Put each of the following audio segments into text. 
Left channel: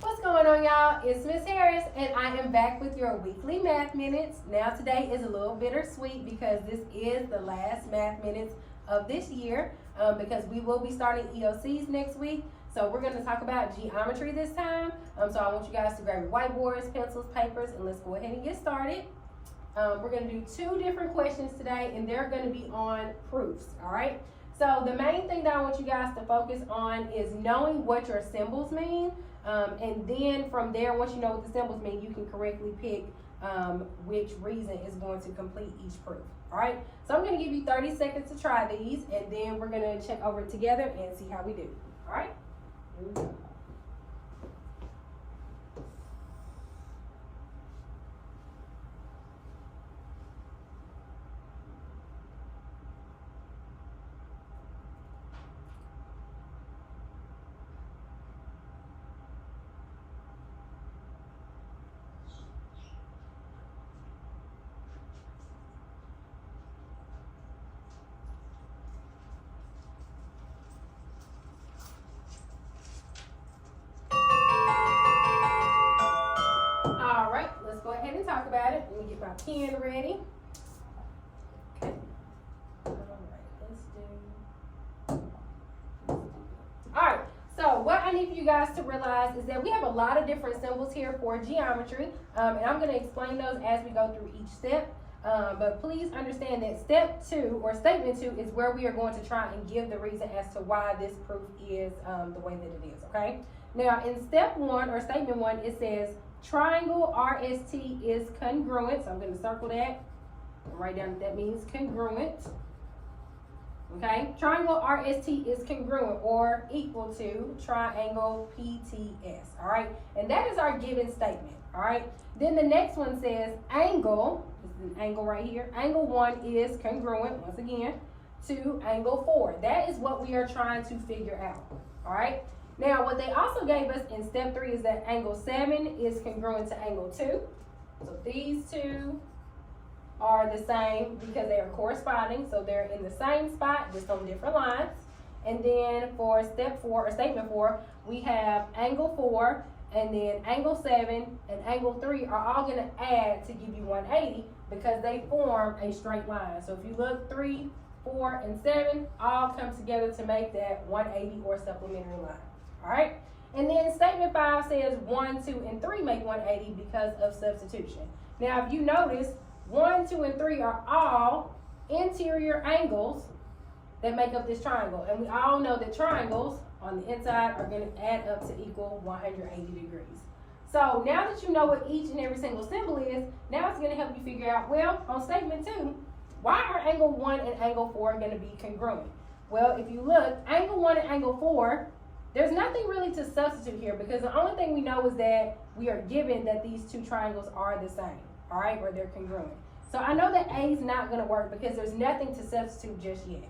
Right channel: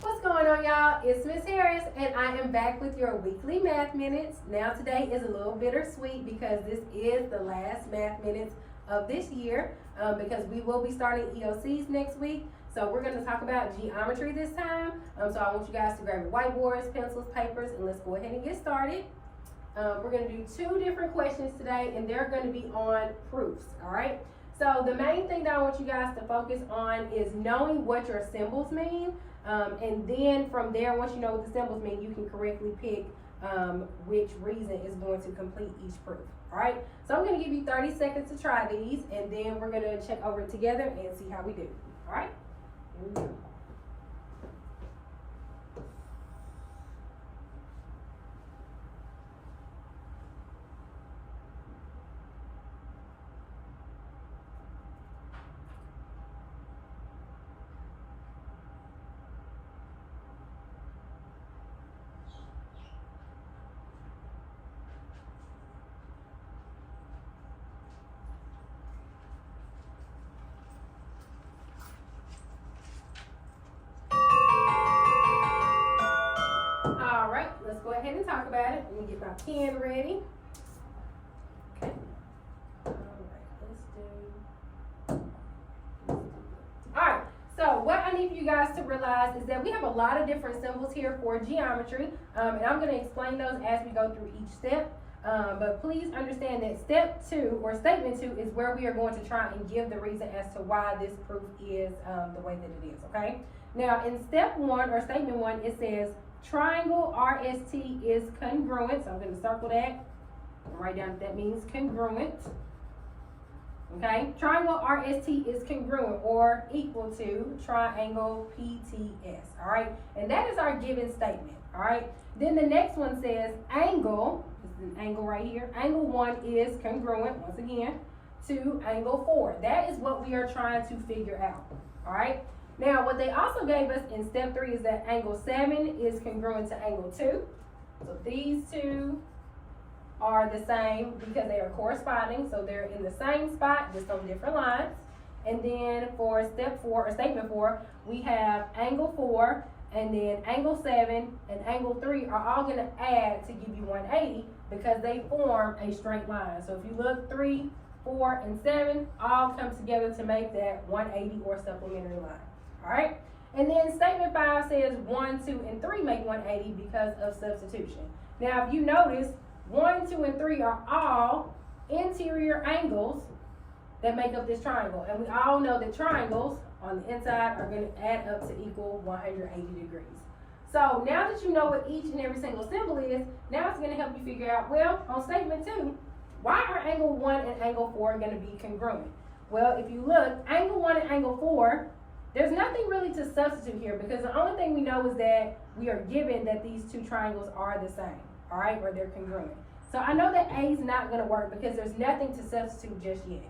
What's going on, y'all? It's Miss Harris, and I am back with your weekly math minutes. Now, today is a little bittersweet because this is the last math minutes of this year because we will be starting EOCs next week. So we're going to talk about geometry this time. So I want you guys to grab your whiteboards, pencils, papers, and let's go ahead and get started. We're going to do two different questions today, and they're going to be on proofs, all right? So the main thing that I want you guys to focus on is knowing what your symbols mean. And then from there, once you know what the symbols mean, you can correctly pick which reason is going to complete each proof. All right, so I'm going to give you 30 seconds to try these, and then we're going to check over it together and see how we do. All right, here we go. All right, let's go ahead and talk about it. Let me get my pen ready. Okay. All right, All right, so what I need for you guys to realize is that we have a lot of different symbols here for geometry, and I'm going to explain those as we go through each step. But please understand that step 2 or statement 2 is where we are going to try and give the reason as to why this proof is the way that it is, okay? Now, in step 1 or statement 1, it says triangle RST is congruent. So I'm going to circle that and write down that means congruent. Okay, triangle RST is congruent or equal to triangle PTS. All right, and that is our given statement. All right, then the next one says angle, this is an angle right here. Angle 1 is congruent, once again, to angle 4. That is what we are trying to figure out. All right, now what they also gave us in step 3 is that angle 7 is congruent to angle 2. So these two are the same because they are corresponding, so they're in the same spot, just on different lines. And then for step 4 or statement 4, we have angle 4, and then angle 7 and angle 3 are all going to add to give you 180 because they form a straight line. So if you look, 3, 4, and 7 all come together to make that 180 or supplementary line. All right. And then statement 5 says 1, 2, and 3 make 180 because of substitution. Now, if you notice, 1, 2, and 3 are all interior angles that make up this triangle. And we all know that triangles on the inside are going to add up to equal 180 degrees. So now that you know what each and every single symbol is, now it's going to help you figure out, well, on statement 2, why are angle 1 and angle 4 going to be congruent? Well, if you look, angle 1 and angle 4, there's nothing really to substitute here because the only thing we know is that we are given that these two triangles are the same. All right, or they're congruent. So I know that A is not going to work because there's nothing to substitute just yet.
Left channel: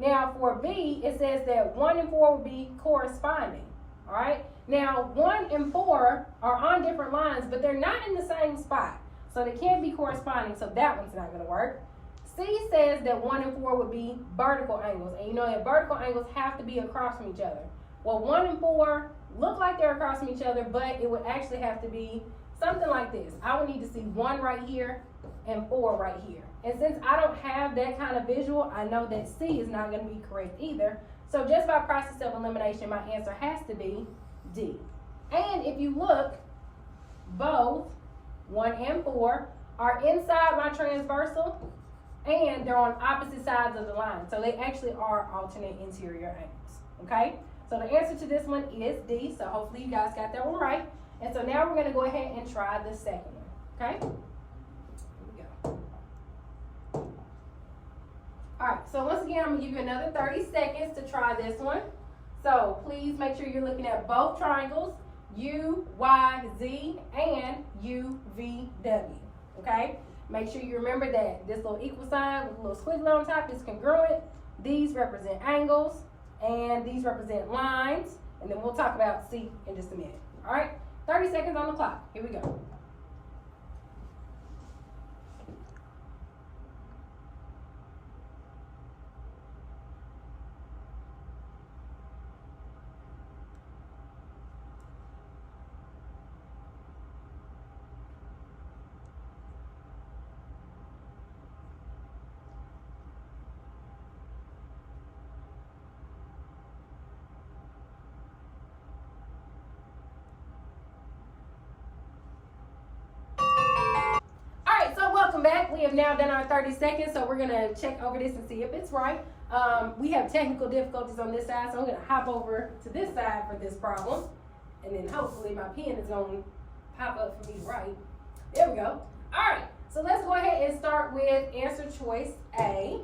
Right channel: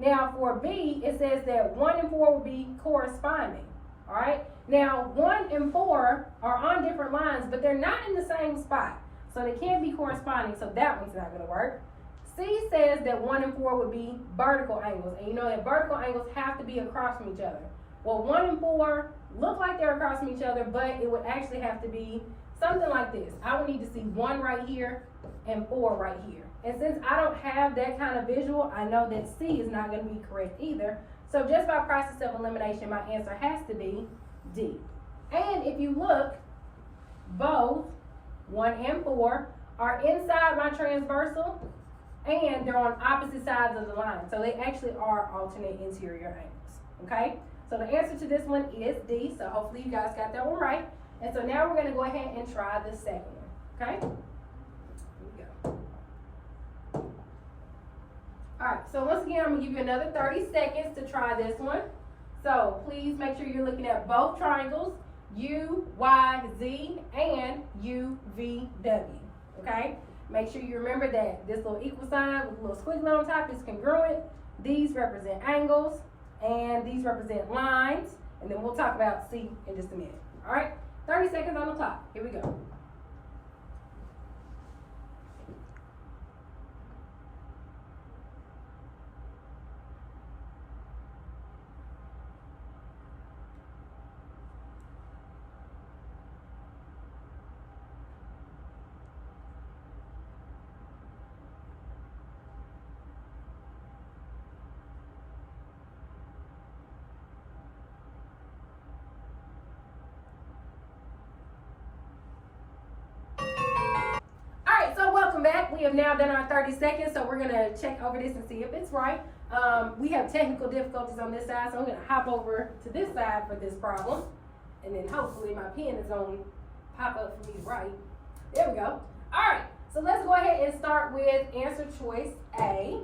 Now for B, it says that 1 and 4 will be corresponding. All right, now 1 and 4 are on different lines, but they're not in the same spot. So they can't be corresponding, so that one's not going to work. C says that 1 and 4 would be vertical angles, and you know that vertical angles have to be across from each other. Well, 1 and 4 look like they're across from each other, but it would actually have to be something like this. I would need to see 1 right here and 4 right here. And since I don't have that kind of visual, I know that C is not going to be correct either. So just by process of elimination, my answer has to be D. And if you look, both 1 and 4 are inside my transversal and they're on opposite sides of the line. So they actually are alternate interior angles. Okay? So the answer to this one is D. So hopefully you guys got that one right. And so now we're going to go ahead and try the second one, okay? Here we go. Alright, so once again, I'm going to give you another 30 seconds to try this one. So please make sure you're looking at both triangles, U, Y, Z, and U, V, W. Okay? Make sure you remember that this little equal sign with a little squiggly on top is congruent. These represent angles, and these represent lines. And then we'll talk about C in just a minute. Alright? 30 seconds on the clock. Here we go. Welcome back. We have now done our 30 seconds, so we're going to check over this and see if it's right. We have technical difficulties on this side, so I'm going to hop over to this side for this problem. And then hopefully my pen is going to pop up for me right. There we go. All right, so let's go ahead and start with answer choice A.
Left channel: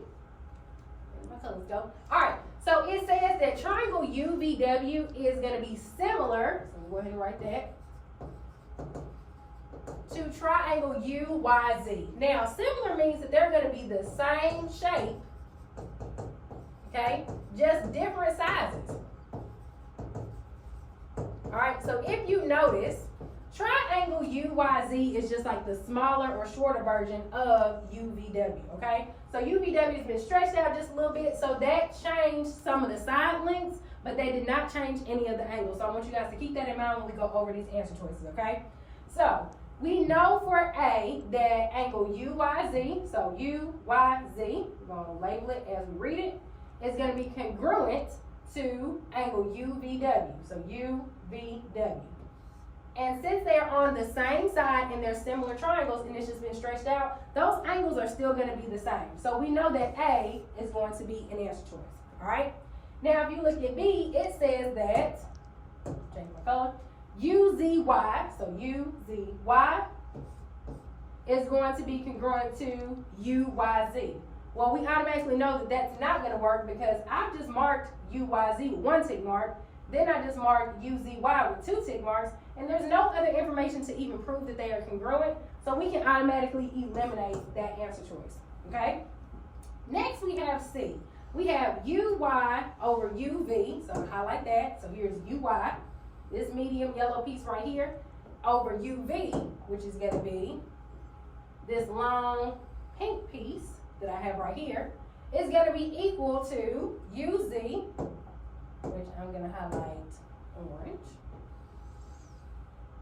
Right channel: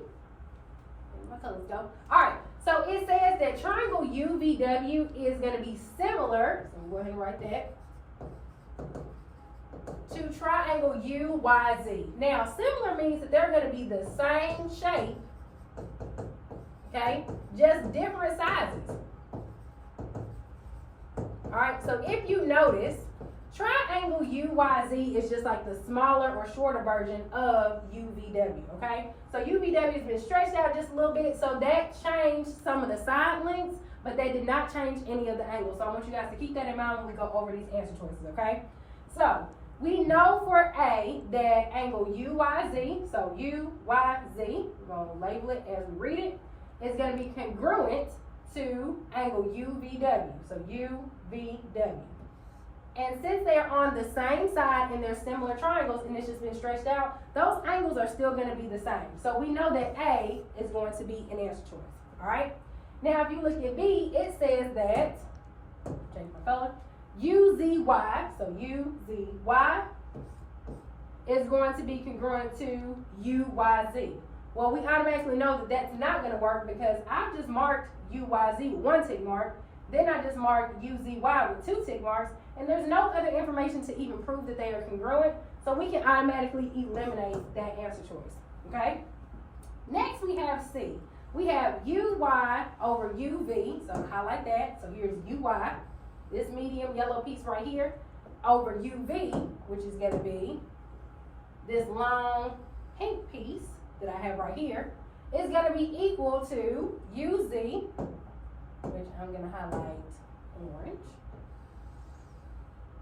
Where my colors go? All right, so it says that triangle UVW is going to be similar, so I'm going to go ahead and write that, to triangle UYZ. Now, similar means that they're going to be the same shape, okay, just different sizes. All right, so if you notice, triangle UYZ is just like the smaller or shorter version of UVW, okay? So UVW has been stretched out just a little bit, so that changed some of the side lengths, but they did not change any of the angles. So I want you guys to keep that in mind when we go over these answer choices, okay? So we know for A that angle UYZ, so UYZ, we're going to label it as we read it, is going to be congruent to angle UVW, so UVW. And since they're on the same side and they're similar triangles and it's just been stretched out, those angles are still going to be the same. So we know that A is going to be an answer choice, all right? Now, if you look at B, it says that, change my color, UZY, so UZY is going to be congruent to UYZ. Well, we automatically know that that's not going to work because I've just marked UYZ with one tick mark, then I just marked UZY with two tick marks, and there's no other information to even prove that they are congruent, so we can automatically eliminate that answer choice, okay? Next, we have C. We have UY over UV, so highlight that, so here's UY. This medium yellow piece right here over UV, which is going to be this long pink piece that I have right here, is going to be equal to UZ, which I'm going to highlight orange,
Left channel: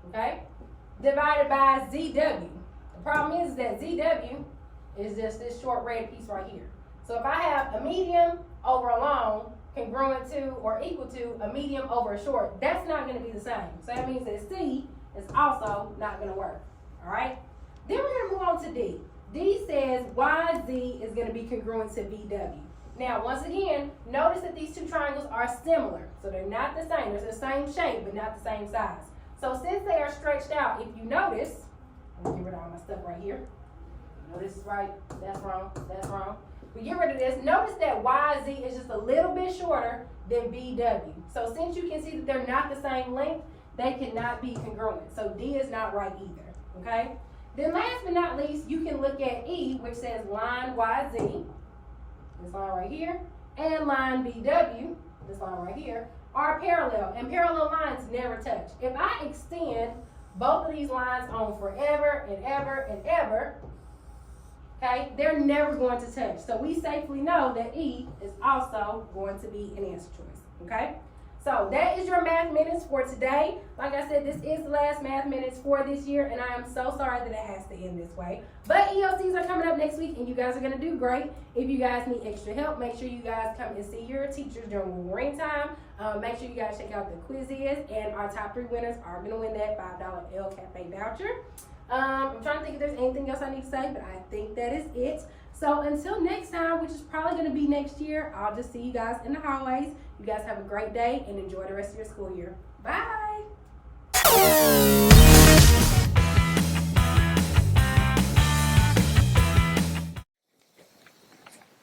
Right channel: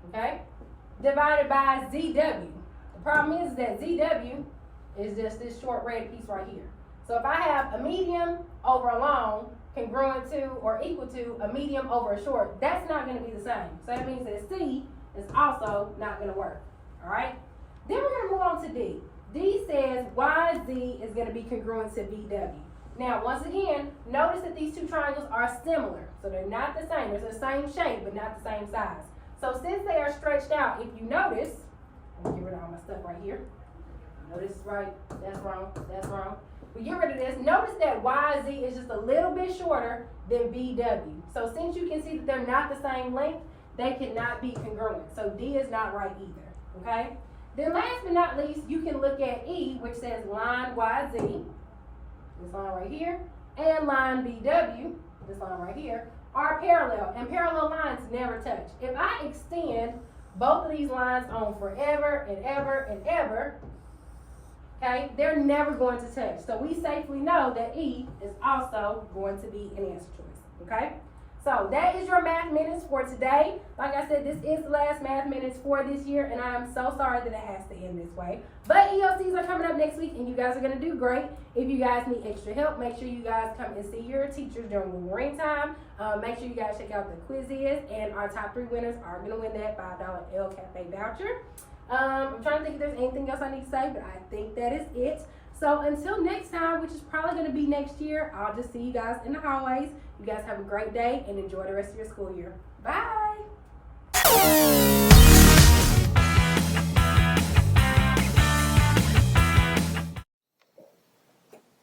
okay, divided by ZW. The problem is that ZW is just this short red piece right here. So if I have a medium over a long, congruent to or equal to a medium over a short, that's not going to be the same. So that means that C is also not going to work. All right? Then we're going to move on to D. D says YZ is going to be congruent to VW. Now, once again, notice that these two triangles are similar. So they're not the same. They're the same shape, but not the same size. So since they are stretched out, if you notice, let me get rid of all my stuff right here. No, this is right. That's wrong. That's wrong. We get rid of this. Notice that YZ is just a little bit shorter than VW. So since you can see that they're not the same length, they cannot be congruent. So D is not right either, okay? Then last but not least, you can look at E, which says line YZ, this line right here, and line BW, this line right here, are parallel. And parallel lines never touch. If I extend both of these lines on forever and ever and ever, okay, they're never going to touch. So we safely know that E is also going to be an answer choice, okay? So that is your math minutes for today. Like I said, this is the last math minutes for this year, and I am so sorry that it has to end this way. But ELCs are coming up next week, and you guys are going to do great. If you guys need extra help, make sure you guys come and see your teachers during Wolverine time. Make sure you guys check out the quizzes, and our top 3 winners are going to win that $5 El Cafe voucher. I'm trying to think if there's anything else I need to say, but I think that is it. So until next time, which is probably going to be next year, I'll just see you guys in the hallways. You guys have a great day and enjoy the rest of your school year. Bye.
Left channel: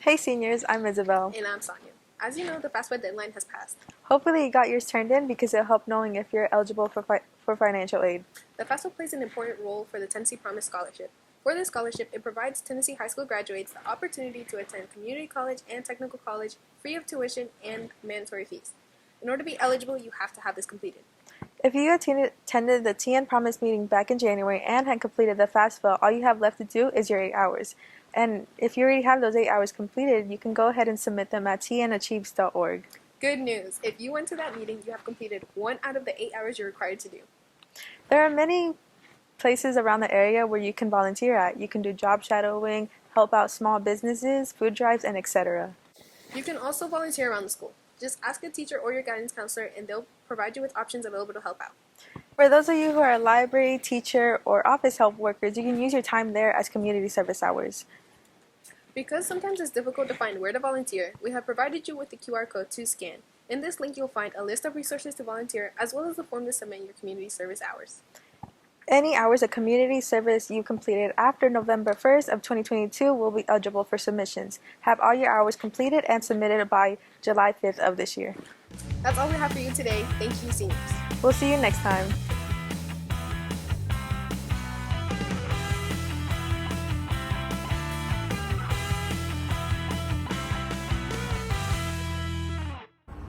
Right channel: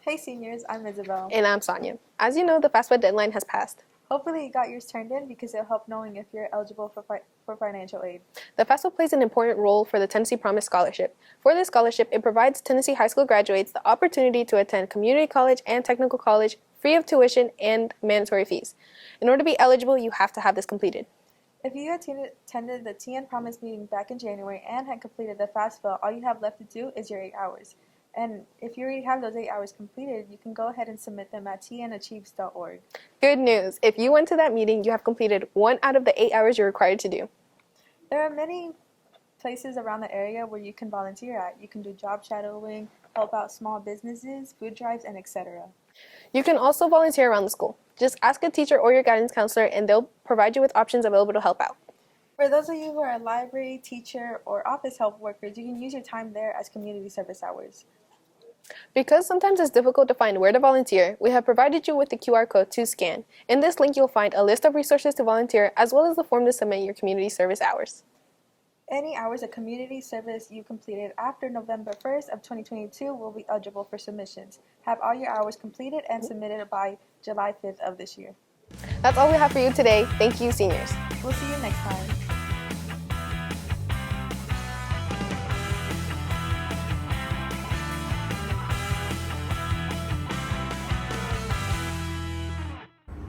Hey seniors, I'm Isabel. And I'm Sonia. As you know, the FAFSA deadline has passed. Hopefully you got yours turned in because it'll help knowing if you're eligible for financial aid. The FAFSA plays an important role for the Tennessee Promise Scholarship. For this scholarship, it provides Tennessee high school graduates the opportunity to attend community college and technical college free of tuition and mandatory fees. In order to be eligible, you have to have this completed. If you attended the TN Promise meeting back in January and had completed the FAFSA, all you have left to do is your 8 hours. And if you already have those 8 hours completed, you can go ahead and submit them at tnachieves.org. Good news! If you went to that meeting, you have completed 1 out of the 8 hours you're required to do. There are many places around the area where you can volunteer at. You can do job shadowing, help out small businesses, food drives, and etc. You can also volunteer around the school. Just ask a teacher or your guidance counselor and they'll provide you with options available to help out. For those of you who are library, teacher, or office help workers, you can use your time there as community service hours. Because sometimes it's difficult to find where to volunteer, we have provided you with the QR code to scan. In this link, you'll find a list of resources to volunteer as well as the form to submit your community service hours. Any hours of community service you completed after November 1st of 2022 will be eligible for submissions. Have all your hours completed and submitted by July 5th of this year. That's all we have for you today. Thank you, seniors. We'll see you next time.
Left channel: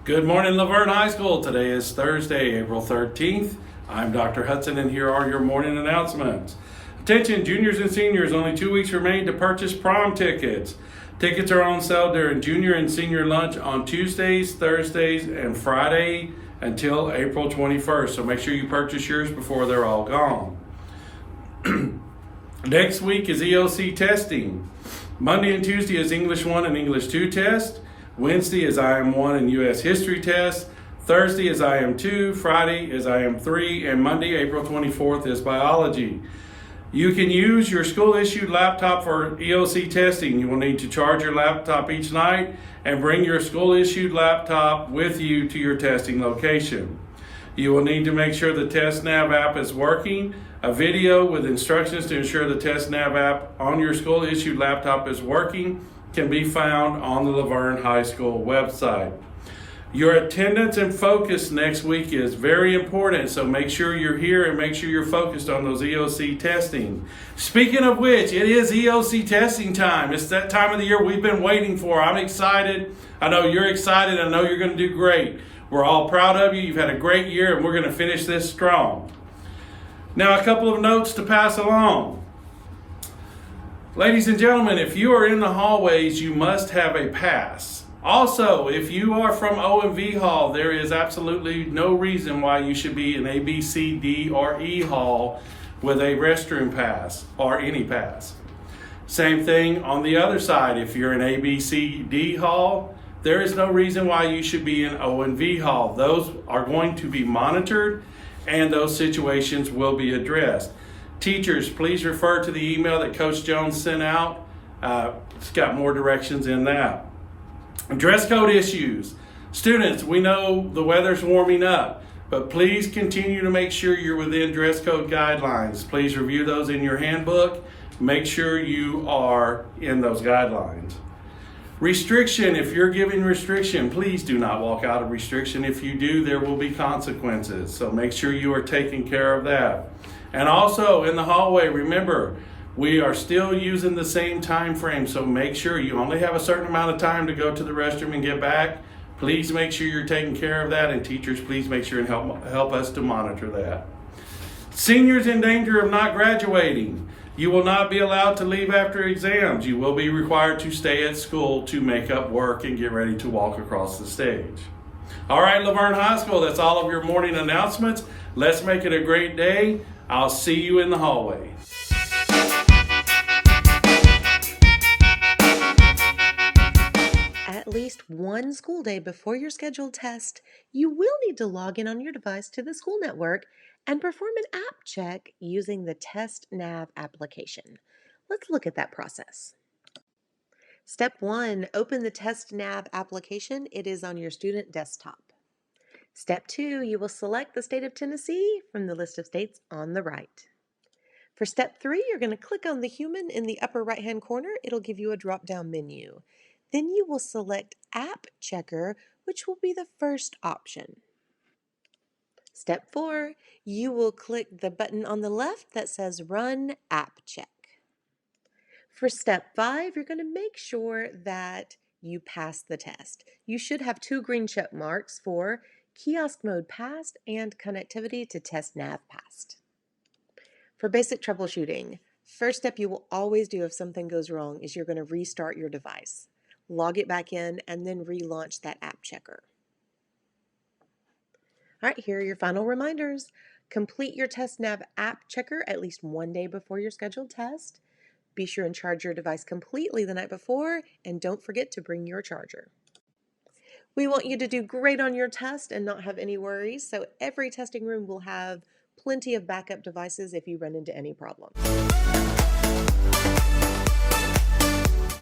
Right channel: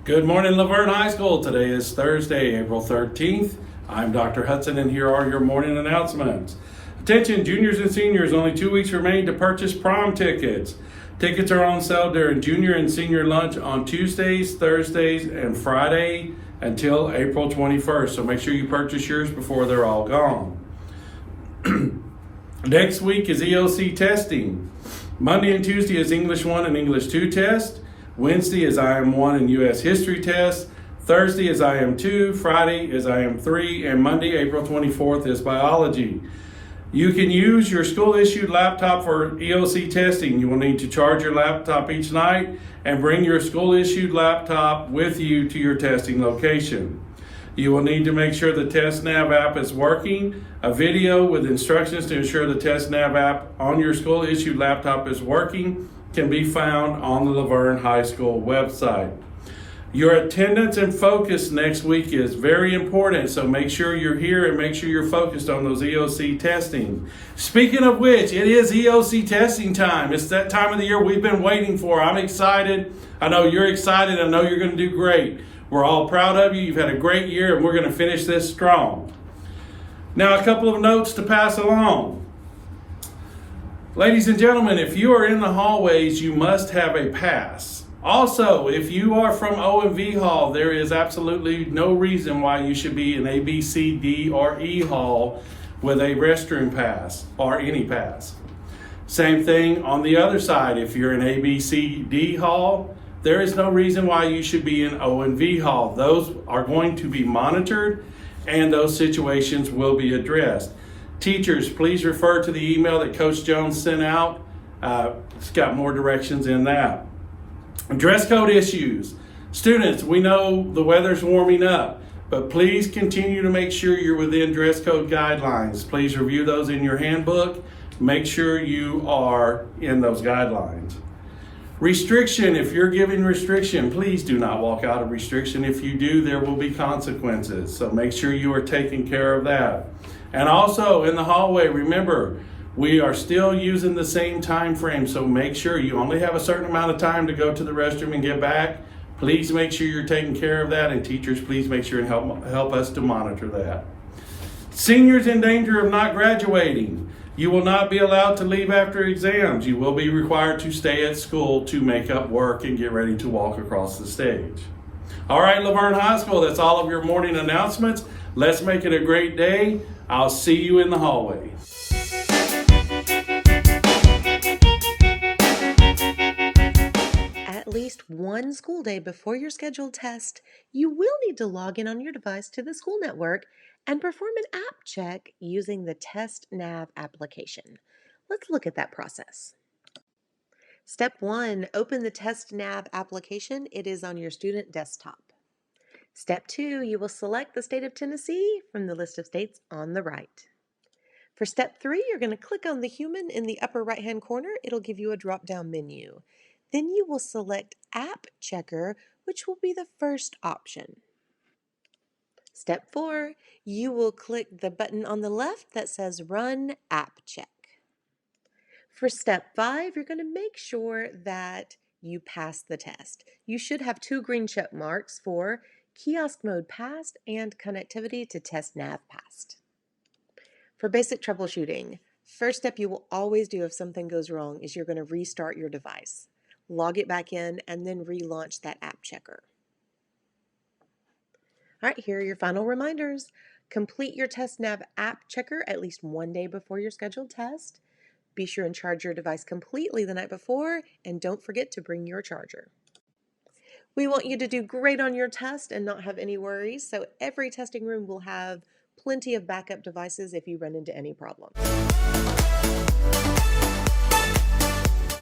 Good morning, Laverne High School. Today is Thursday, April 13th. I'm Dr. Hudson, and here are your morning announcements. Attention, juniors and seniors, only 2 weeks remain to purchase prom tickets. Tickets are on sale during junior and senior lunch on Tuesdays, Thursdays, and Friday until April 21st. So make sure you purchase yours before they're all gone. Next week is EOC testing. Monday and Tuesday is English 1 and English 2 test. Wednesday is IM1 and U.S. History test. Thursday is IM2, Friday is IM3, and Monday, April 24th is biology. You can use your school-issued laptop for EOC testing. You will need to charge your laptop each night and bring your school-issued laptop with you to your testing location. You will need to make sure the TestNav app is working. A video with instructions to ensure the TestNav app on your school-issued laptop is working can be found on the Laverne High School website. Your attendance and focus next week is very important, so make sure you're here and make sure you're focused on those EOC testing. Speaking of which, it is EOC testing time. It's that time of the year we've been waiting for. I'm excited. I know you're excited. I know you're going to do great. We're all proud of you. You've had a great year, and we're going to finish this strong. Now, a couple of notes to pass along. Ladies and gentlemen, if you are in the hallways, you must have a pass. Also, if you are from O&V Hall, there is absolutely no reason why you should be in A, B, C, D, or E Hall with a restroom pass or any pass. Same thing on the other side. If you're in A, B, C, D Hall, there is no reason why you should be in O&V Hall. Those are going to be monitored and those situations will be addressed. Teachers, please refer to the email that Coach Jones sent out. It's got more directions in that. Dress code issues. Students, we know the weather's warming up, but please continue to make sure you're within dress code guidelines. Please review those in your handbook. Make sure you are in those guidelines. Restriction, if you're giving restriction, please do not walk out of restriction. If you do, there will be consequences. So make sure you are taking care of that. And also in the hallway, remember, we are still using the same time frame, so make sure you only have a certain amount of time to go to the restroom and get back. Please make sure you're taking care of that, and teachers, please make sure and help us to monitor that. Seniors in danger of not graduating. You will not be allowed to leave after exams. You will be required to stay at school to make up work and get ready to walk across the stage. All right, Laverne High School, that's all of your morning announcements. Let's make it a great day. I'll see you in the hallway. At least one school day before your scheduled test, you will need to log in on your device to the school network and perform an app check using the TestNav application. Let's look at that process. Step 1, open the TestNav application. It is on your student desktop. Step 2, you will select the state of Tennessee from the list of states on the right. For step 3, you're going to click on the human in the upper right-hand corner. It'll give you a drop-down menu. Then you will select App Checker, which will be the first option. Step 4, you will click the button on the left that says Run App Check. For step 5, you're going to make sure that you pass the test. You should have 2 green check marks for Kiosk Mode Passed and Connectivity to Test Nav Passed. For basic troubleshooting, first step you will always do if something goes wrong is you're going to restart your device. Log it back in and then relaunch that app checker. All right, here are your final reminders. Complete your Test Nav app checker at least 1 day before your scheduled test. Be sure and charge your device completely the night before, and don't forget to bring your charger. We want you to do great on your test and not have any worries, so every testing room will have plenty of backup devices if you run into any problems.